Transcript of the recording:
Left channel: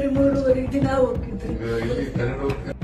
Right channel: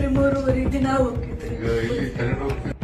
primoruri de nada